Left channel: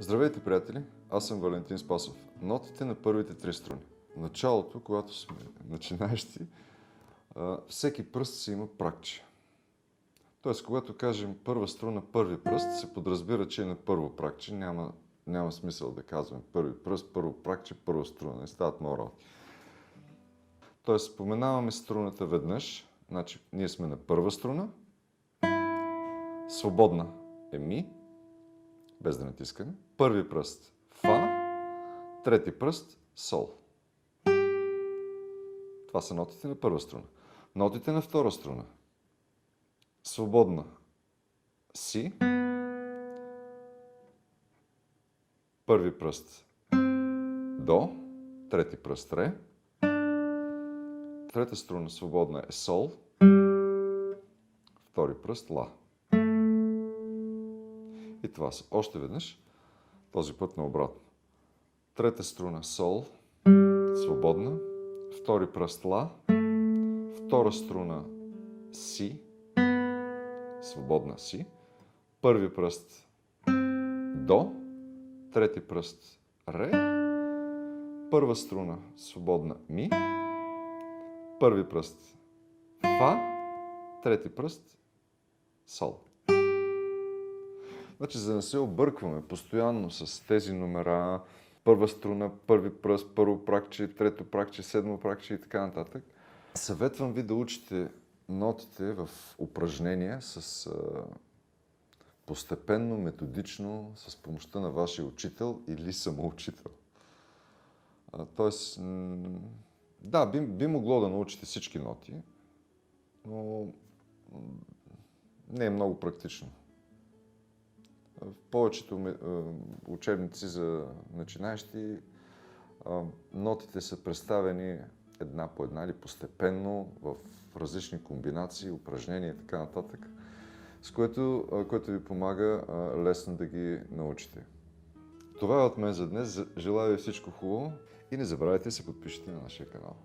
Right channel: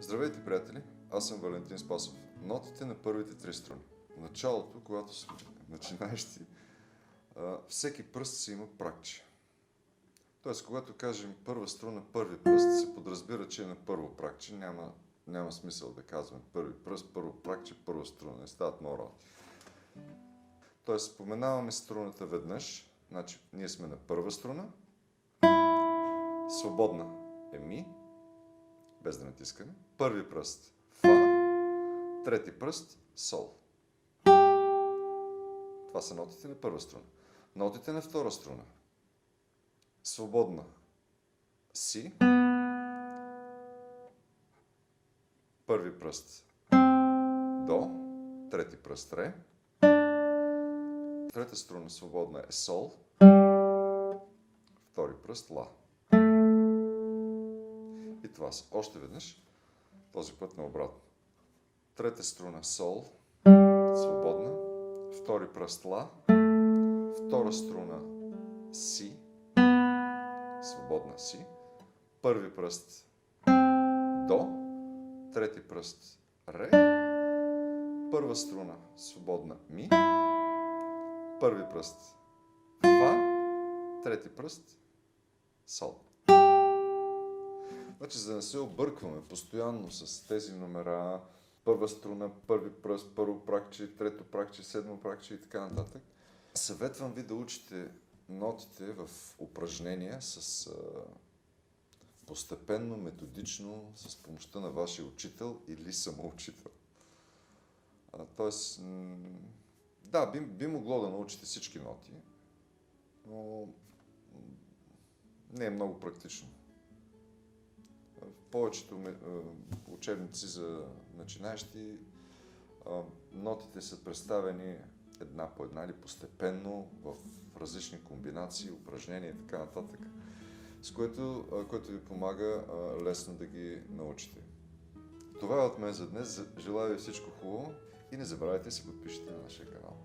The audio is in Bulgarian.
Здравейте, приятели! Аз съм Валентин Спасов. Нотите на първите три струни. В началото, когато сме начинаещи, всеки пръст си има пракче. Тоест, когато кажем първа струна, първи пръст, се подразбира, че е на първо пракче. Няма смисъл да казваме първи пръст, първо пракче, първа струна. Не стават много работи. Тоест, споменаваме струната веднъж. Значи, ние сме на първа струна. Свободна е ми, без да натискаме. Първи пръст фа, трети пръст сол. Това са нотите на първа струна. Нотите на втора струна. Свободна си, първи пръст до, трети пръст ре, трета струна свободна е сол, втори пръст ла. И това са още веднъж, този път наобратно. Трета струна сол, свободна, втори пръст ла, втора струна си, свободна си, първи пръст до, трети пръст ре, първа струна свободна ми, първи пръст фа, трети пръст сол. Значи, за да не се объркваме постоянно с тези номера, първа струна, първи пръст, първо пракче, трето пракче, седмо пракче и така нататък, съветвам ви да учите нотите в упражнения с постепенно, методично, с помощта на вашия учител или самоучител. Тоест, да, би могло да научите всички ноти, но не е много практично. В повечето учебници за начинаещи нотите са представени една по една или постепенно в различни комбинации, упражнения и така нататък, с което ви помага лесно да ги научите. Това е от мен за днес. Желая ви всичко хубаво и не забравяйте да се подпишете на нашия канал.